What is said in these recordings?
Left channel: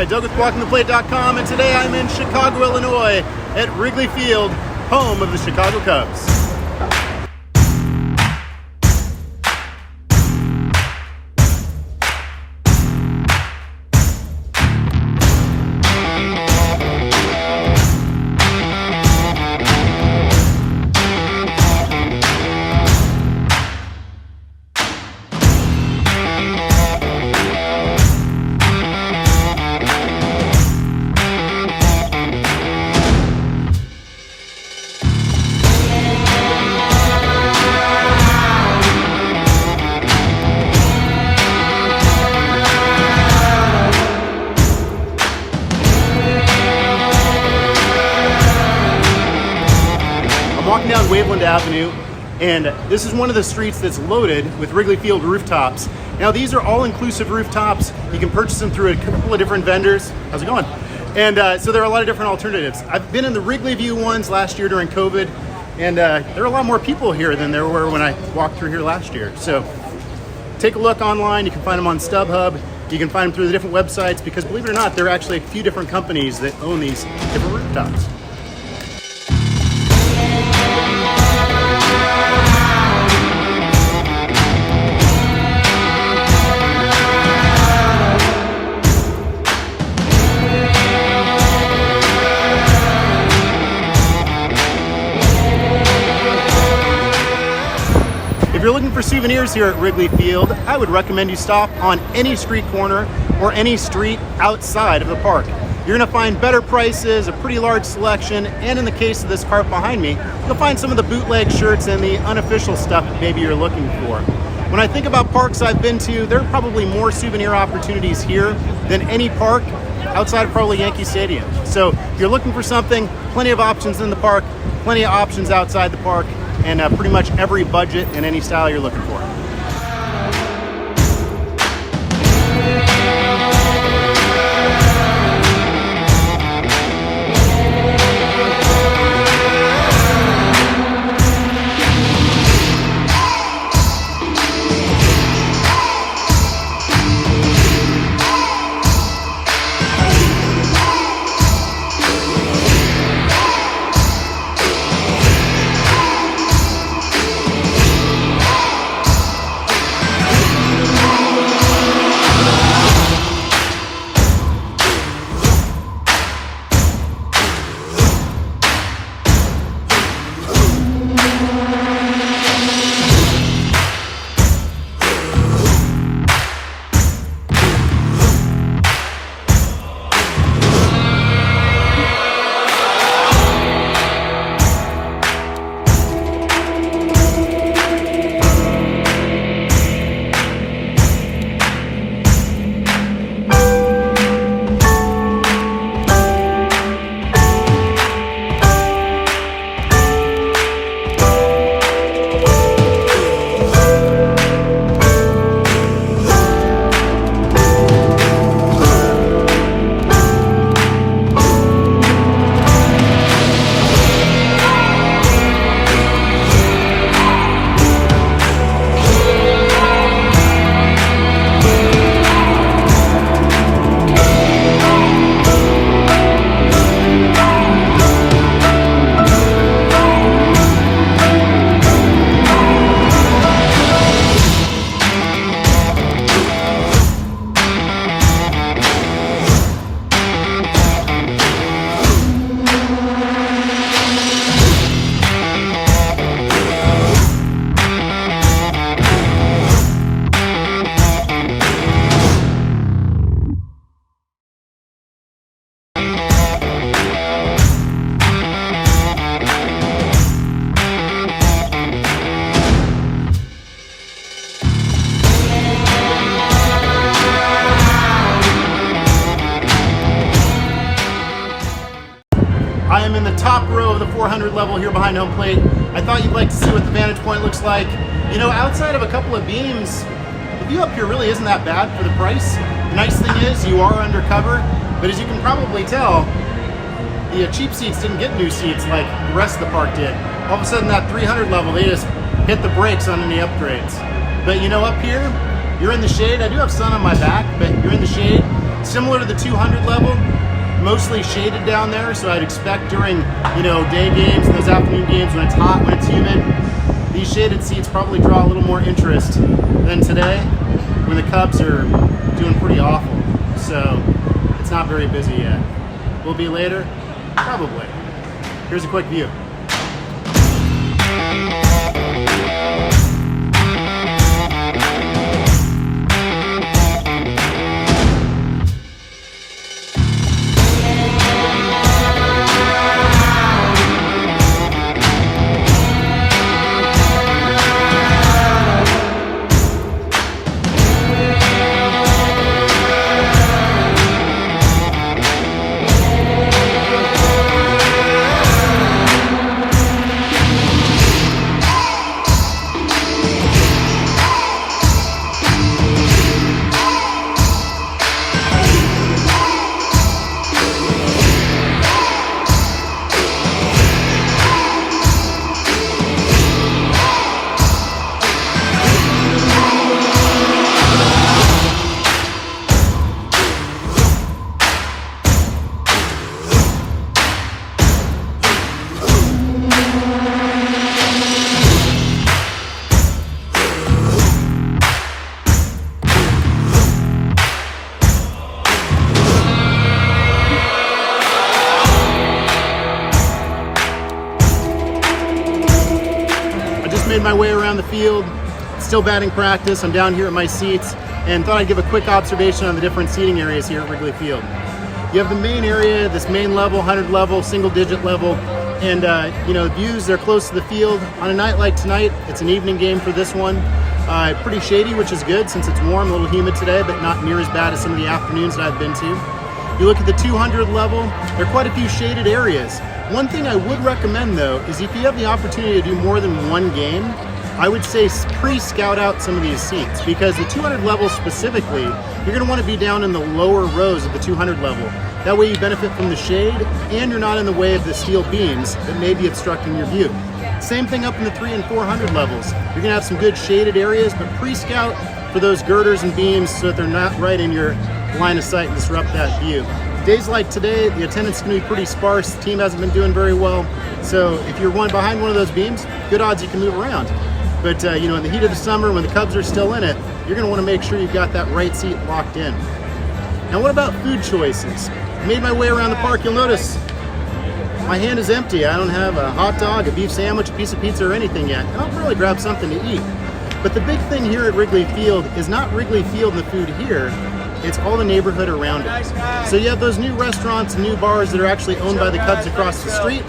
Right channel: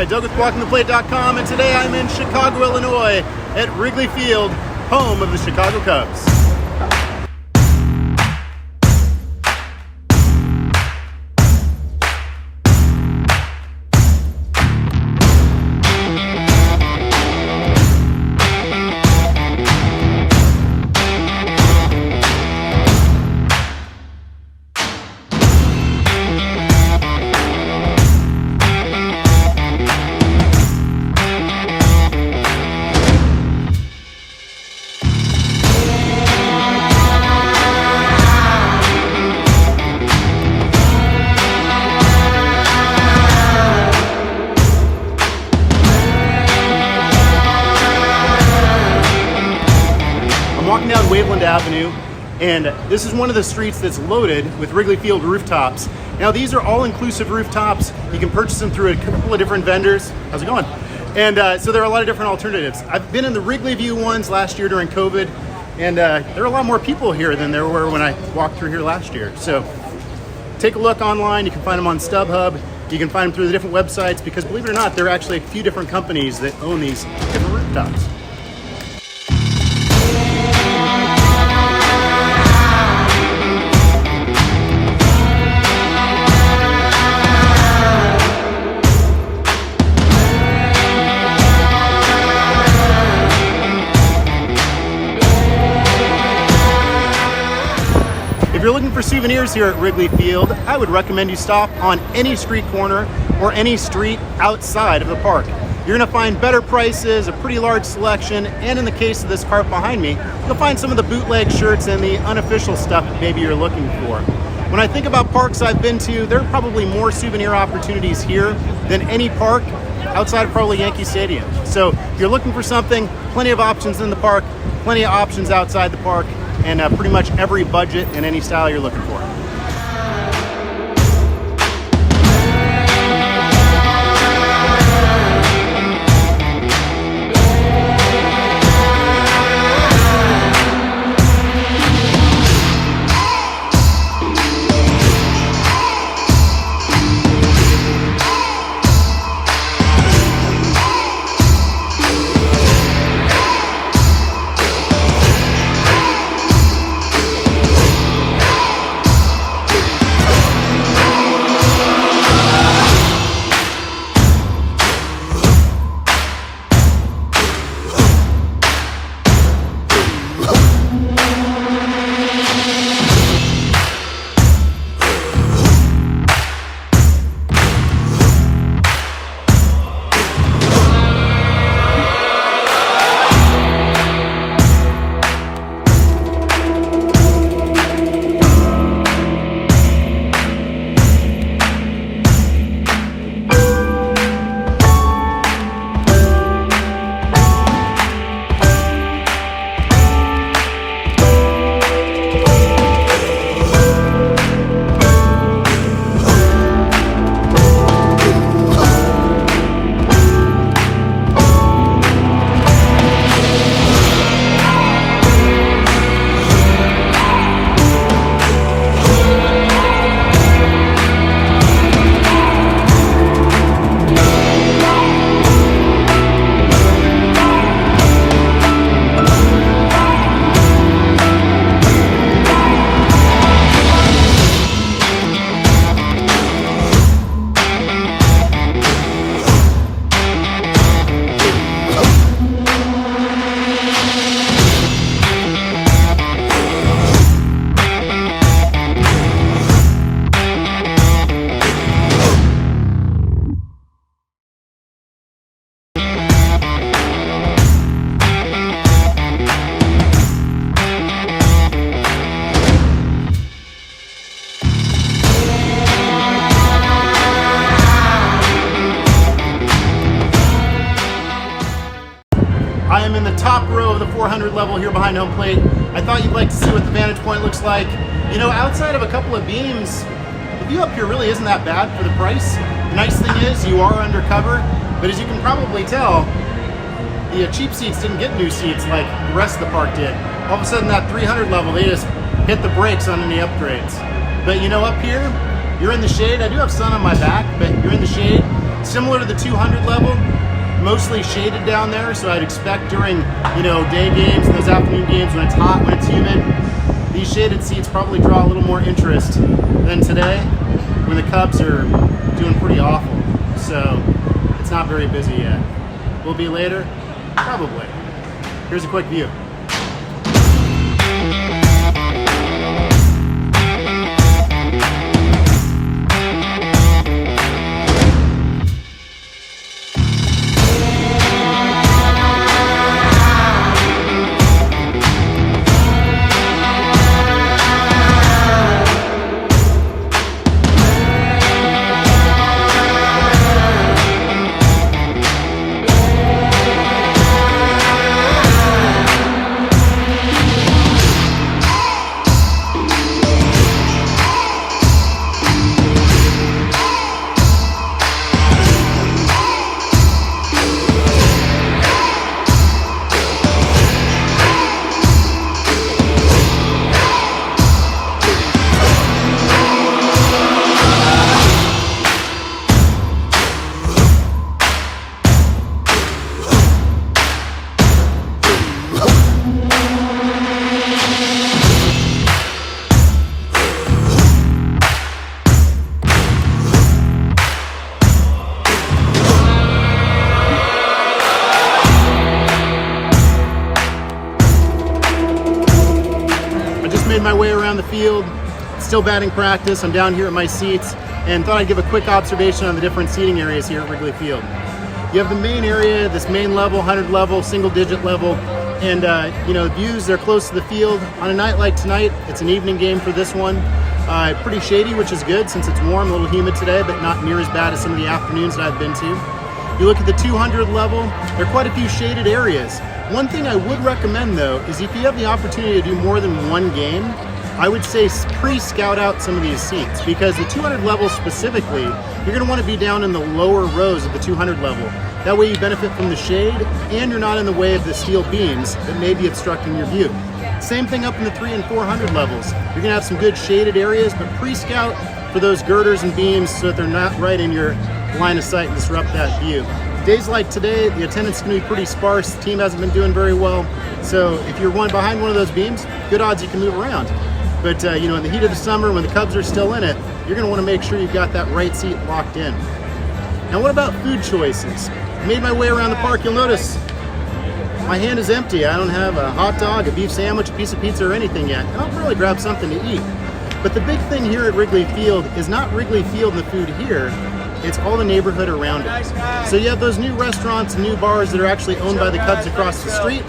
Hi, Doug with WalkingThePlate.com, and today I'm in Chicago, Illinois at Wrigley Field, home of the Chicago Cubs. I'm walking down Waveland Avenue, and this is one of the streets that's loaded with Wrigley Field rooftops. Now, these are all-inclusive rooftops. You can purchase them through a couple of different vendors. How's it going? And so there are a lot of different alternatives. I've been in the Wrigley View ones last year during COVID, and there are a lot more people here than there were when I walked through here last year. So take a look online. You can find them on StubHub. You can find them through the different websites, because believe it or not, there are actually a few different companies that own these different rooftops. If you're looking for souvenirs here at Wrigley Field, I would recommend you stop on any street corner or any street outside of the park. You're going to find better prices, a pretty large selection, and in the case of this cart behind me, you'll find some of the bootleg shirts and the unofficial stuff that maybe you're looking for. When I think about parks I've been to, there are probably more souvenir opportunities here than any park outside of probably Yankee Stadium. So if you're looking for something, plenty of options in the park, plenty of options outside the park, and pretty much every budget and any style you're looking for. I am in the top row of the 400 level here behind home plate. I thought you'd like to see what the vantage point looks like. You know, outside of a couple of beams, the view up here really isn't that bad for the price. The nice thing is you are undercover, but as you can probably tell, the cheap seats didn't get new seats like the rest of the park did. All of a sudden that 300 level, they just hit the brakes on any upgrades. But you know, up here, you're in the shade. I do have sun on my back, but you're in the shade. Similar to the 200 level, mostly shaded down there, so I'd expect during, day games, those afternoon games when it's hot, when it's humid, these shaded seats probably draw a little more interest than today when the Cubs are doing pretty awful. So it's not very busy yet. Will be later? Probably. Here's a quick view. Made my way around the field, still batting practice. I'm down here at my seats and thought I'd give a quick observation on the different seating areas here at Wrigley Field. You have the main area, this main level, 100 level, single digit level, and the views, they're close to the field. On a night like tonight, it's an evening game for this one. Pretty shady, which is good since it's warm, a little humid today, but not near as bad as some of the afternoons that I've been to. You look at the 200 level, there are quite a few shaded areas. One thing I would recommend though is if you have the opportunity to do more than one game, I would say pre-scout out some of these seats, because the 200 level specifically, you're going to want to be down in the lower rows of the 200 level. That way you benefit from the shade and you're not in the way of the steel beams that may be obstructing your view. Same thing up in the 300 and 400 levels. You're going to have some good shaded areas, but pre-scout for those girders and beams so that they're not right in your line of sight and disrupt that view. Days like today, the attendance is going to be pretty sparse. The team hasn't been doing very well. So if you're behind one of those beams, good odds you can move around. But in the heat of the summer, when the Cubs are still in it, you're going to want to make sure you've got that right seat locked in. Now what about food choices? I made my way around the park. You'll notice my hand is empty. I don't have a hot dog, a beef sandwich, a piece of pizza, or anything yet. And I'll probably grab something to eat. But the big thing here at Wrigley Field is not Wrigley Field and the food here. It's all the neighborhood around it. So you have those new restaurants and new bars that are actually owned by the Cubs across the street.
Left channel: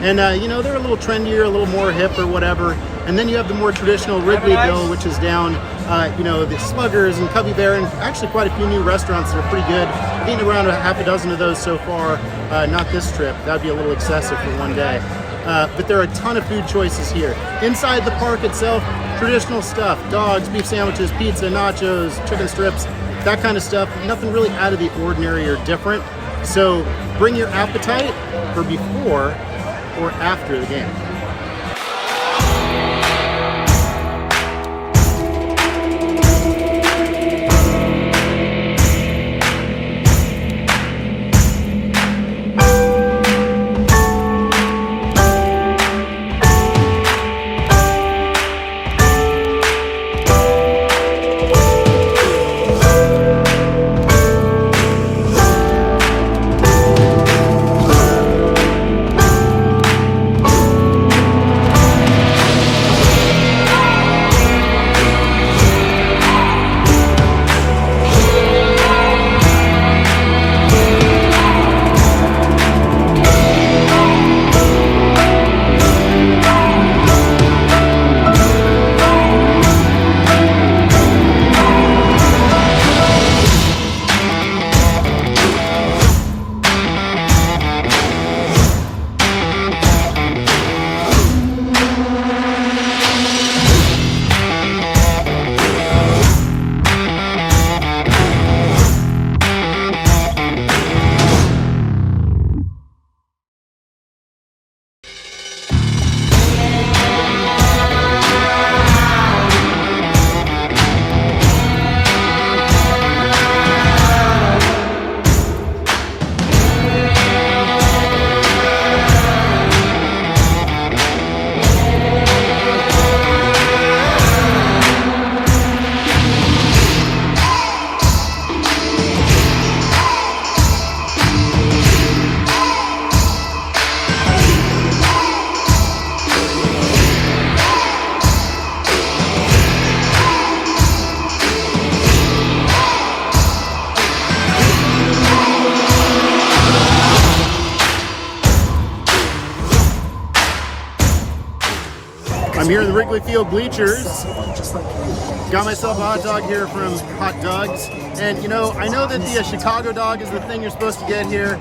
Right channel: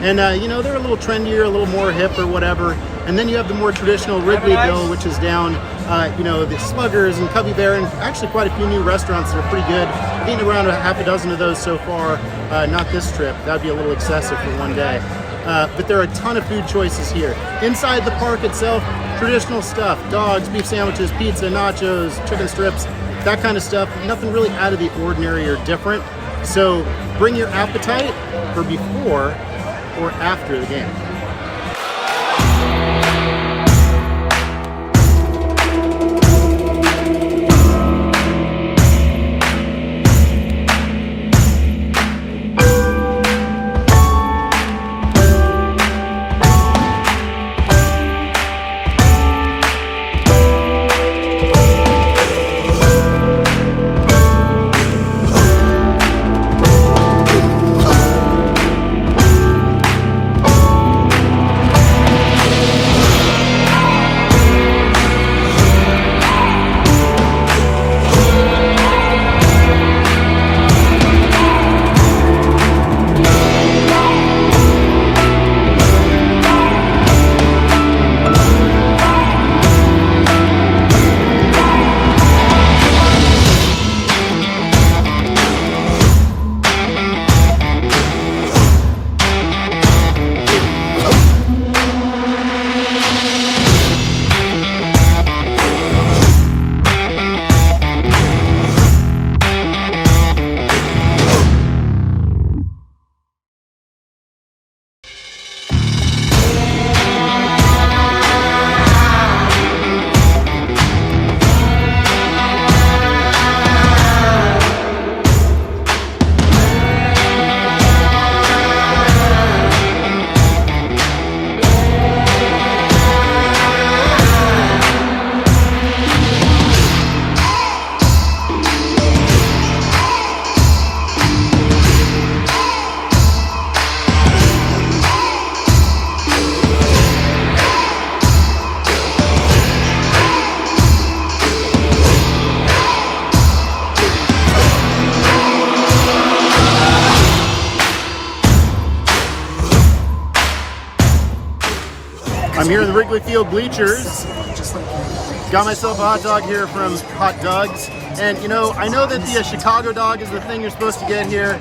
And, they're a little trendier, a little more hip or whatever. And then you have the more traditional Wrigleyville, which is down, the Sluggers and Cubby Bear, and actually quite a few new restaurants that are pretty good. I've eaten around a half a dozen of those so far, not this trip. That'd be a little excessive for one day. But there are a ton of food choices here. Inside the park itself, traditional stuff, dogs, beef sandwiches, pizza, nachos, chicken strips, that kind of stuff. Nothing really out of the ordinary or different. So bring your appetite for before or after the game. I'm here in the Wrigley Field bleachers. Got myself a hot dog here from Hot Dogs. And you know, I know that the Chicago dog is the thing you're supposed to get here,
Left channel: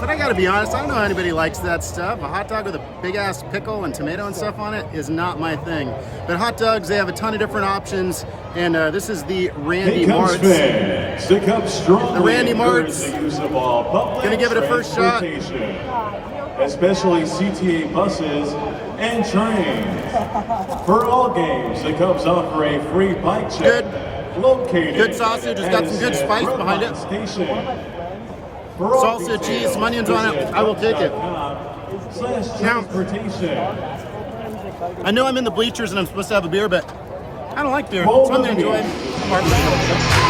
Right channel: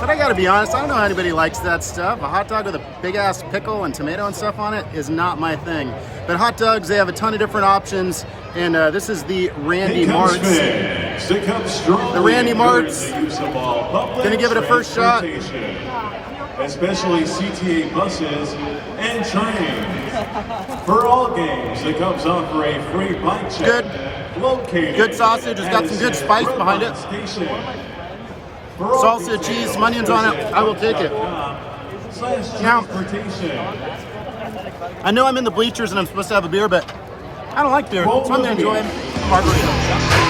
but I gotta be honest, I don't know how anybody likes that stuff. A hot dog with a big ass pickle and tomato and stuff on it is not my thing. But Hot Dogs, they have a ton of different options. And this is the Randy Martz. The Randy Martz. Gonna give it a first shot. Especially CTA buses and trains. For all games, the Cubs offer a free bike check. Good. Located Good sausage. It's got some good spice behind it. Salsa, cheese, some onions on it. I will take it. Now, I know I'm in the bleachers and I'm supposed to have a beer, but I don't like beer, so I'm going to enjoy a margarita.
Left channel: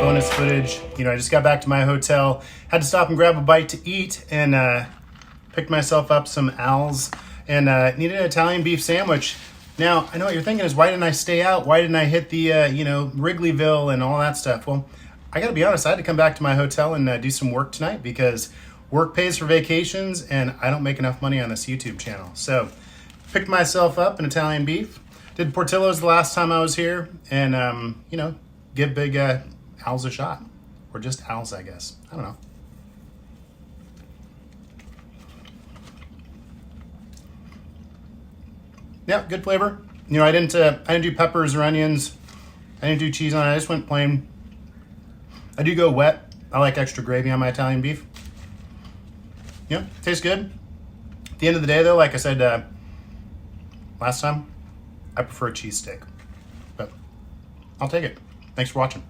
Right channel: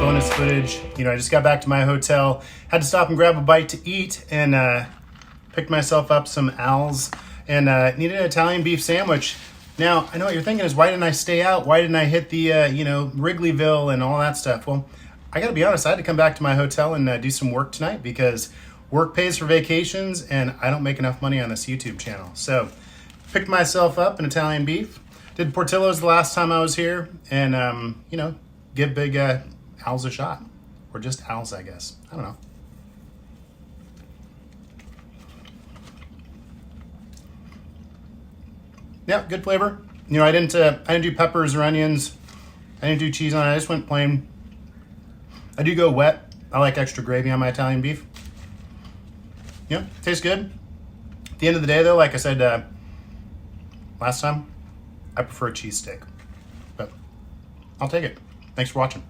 Bonus footage. You know, I just got back to my hotel, had to stop and grab a bite to eat, and picked myself up some Al's and needed an Italian beef sandwich. Now, I know what you're thinking is, why didn't I stay out? Why didn't I hit the, you know, Wrigleyville and all that stuff? Well, I gotta be honest, I had to come back to my hotel and do some work tonight because work pays for vacations and I don't make enough money on this YouTube channel. So, picked myself up an Italian beef, did Portillo's the last time I was here, and, you know, give big Al's a shot. Or just Al's, I guess. I don't know. Yeah, good flavor. You know, I didn't do peppers or onions. I didn't do cheese on it. I just went plain. I do go wet. I like extra gravy on my Italian beef. Yeah, tastes good. At the end of the day, though, like I said last time, I prefer a cheesesteak. But I'll take it. Thanks for watching.